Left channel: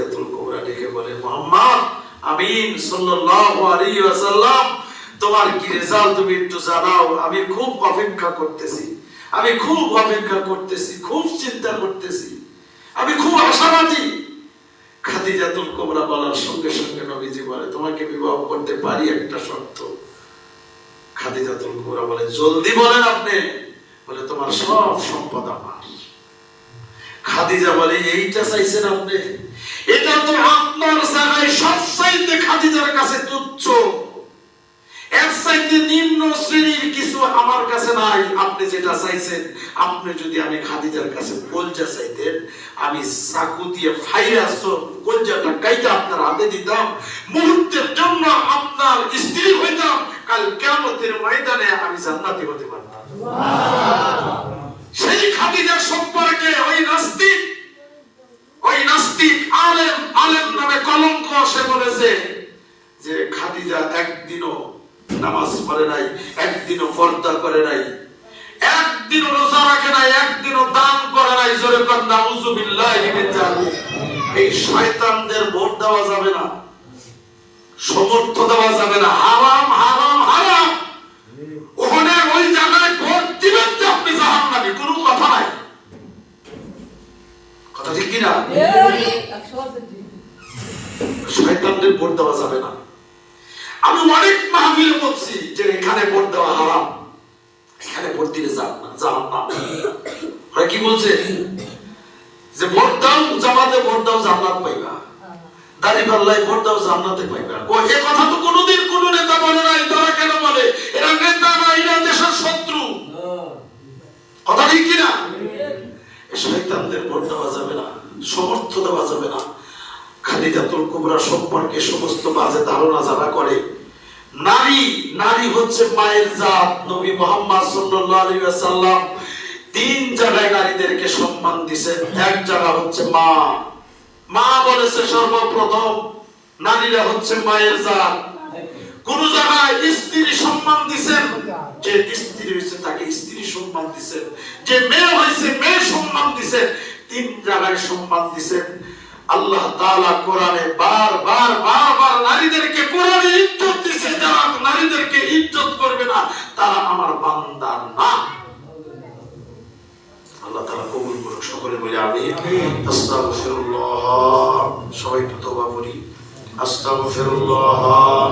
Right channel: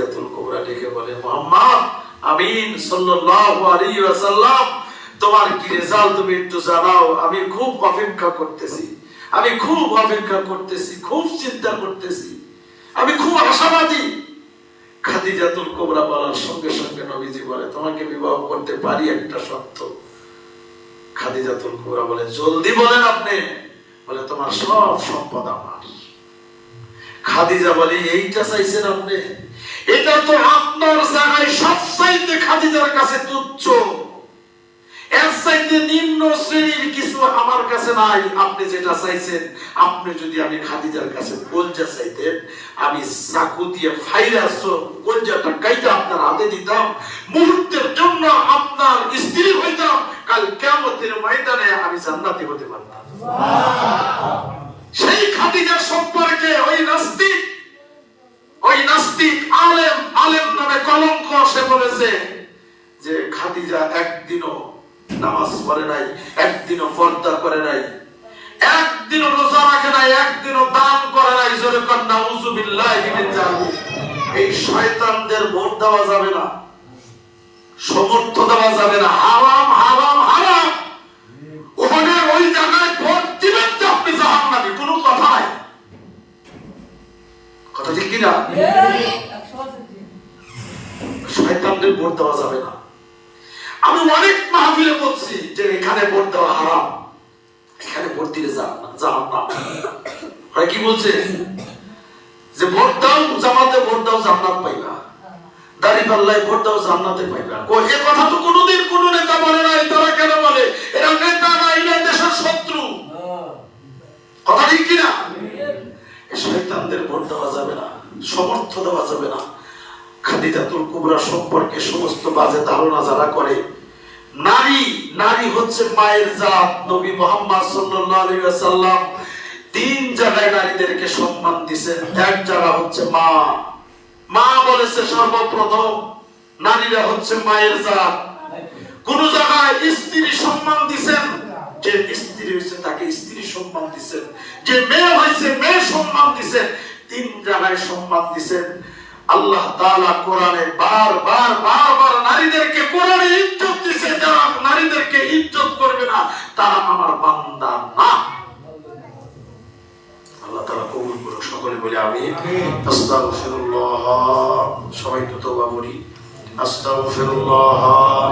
খাদিজাতুল কুবরা ডেকে বলে, মুহাম্মদ আমিন সাল্লাল্লাহু আলাইহি ওয়াসাল্লাম, তোমার কি রেজাল্ট তুমি একটু জানাও। আমি খুব অপেক্ষা করতেছি, আমি খুব অপেক্ষা করতেছি, খুব চিন্তা করতেছি, আমি খুব আশাবাদী। খাদিজাতুল কুবরা বলার সঙ্গে সঙ্গে নবীজি বলে, তোমাকে বিবাহ করতে পারি একটা শর্ত। খাদিজাতুল কুবরা বলে, জলদি বলেন আপনি। বলে, তোমার সব সম্পদ আমার। খাদিজা বলে, এইটা চাইছেন আপনি? এটা তো আপনার জায়গায় সবচাইতে খাদিজার কাছে তুচ্ছ, এর চাইতে নিম্ন শ্রেণীর কিছু আমার কাছে নাই। আপনি যেটা চাইছেন, আপনি যদি আমি খাদিজার কাছে কলজা চাইতেন, আমি চাকু দিয়ে ফাইরাস কলজাটা কাইতে আপনার হাতে দিতাম, মুহূর্তের জন্য আপনার স্ত্রী হইতাম, কাল কিয়ামতের ময়দানে আমি জান্নাতি হতে পারতাম। সেই খাদিজা সম্পর্কে ওই নাস্তিক আলেম নামে কলঙ্ক সে বলেছে যে খাদিজা একদিনও নামাজ পড়ে নাই, একদিনও পর্দা করে নাই, একদিনও রোজা রাখে নাই, একদিনও দান করে নাই। জোরে বলেন নাউযুবিল্লাহি মিন যালিক। এই শয়তানদের ভোট দেওয়া যাবে না, সমর্থ দেওয়া যাবে না। হারাম হারাম হারাম। ওখানে ওই জায়গায় ভোট দিবেন যে আপনি জাহান্নামী, কোনো কথা নাই। কথা ঠিক কিনা? শয়তানদের ভোট দেওয়া যাবে না। আমি অনেক মাহফিলে বলছি যে এখানে ভোট দেওয়া হারাম, এখানে ভোট দিলে জাহান্নাম। ওরা কি বলছে যে ভোট দাও জামাতে, ভোট দাও জান্নাত পাইবা, দাঁড়িপাল্লায় ভোট দাও জান্নাতে পাইবা। ও এই কথা তো কোনোদিন কোন নেতা বলে নাই। তারা কেন বলে? এরা নেতা না, এরা দেশের শত্রু। কথা ঠিক কিনা? শয়তানদের ভোট দেওয়া যাবে না, সমর্থ দেওয়া যাবে না। খাদিজাতুল কুবরা সম্পর্কে সমস্ত বাজে ধারণা যারা করে, নারী হচ্ছে মায়ের জাত। নবী মুহাম্মদ সাল্লাল্লাহু আলাইহি ওয়াসাল্লাম তিন জায়গায় নারীদেরকে সম্মান দিয়েছেন। এক জায়গা হচ্ছে মা বলেছে সর্বপ্রথম নারীরা হচ্ছে মায়ের জাত। কোন জায়গায় স্ত্রী সম্মান দিয়েছেন, যে স্ত্রী হয়েছে তাকে স্ত্রী সম্মান দিয়েছেন, যে মেয়ে হয়েছে মেয়ে সম্মান দিয়েছেন। তিন জায়গায় সম্মান দিয়েছেন। আল্লাহ তাআলা কোরআনে বারবার নারীদেরকে কোরআনে ইজ্জত দিয়েছে। যারা নারীদেরকে ইজ্জত করবে না তারা আমার বান্দা না। আল্লাহ তাআলা কবুল করুন। সকলে বলি আমিন। আস্তাগফিরুল্লাহ। সবাই তওবা করি। আস্তাগফিরুল্লাহ।